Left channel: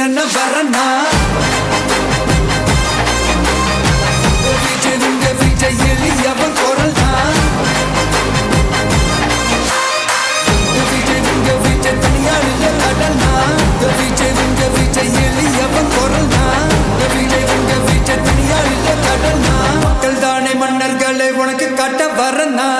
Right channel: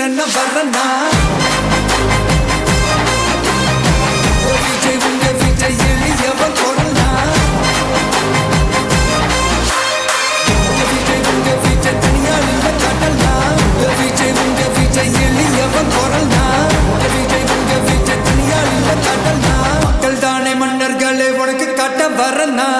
குத்துறன வரனா விஜய் உங்க விஜய் எளியவன் குரல்னா விஜய் உங்க விஜய் தனியால் இல்ல கடல்னா விஜய் உங்க விஜய் எளியவன் குரல்னா விஜய் உங்க விஜய் தனியால் இல்ல கடல்னா மக்கள் தானே மன்னர்களை உனக்கு காட்ட வரனா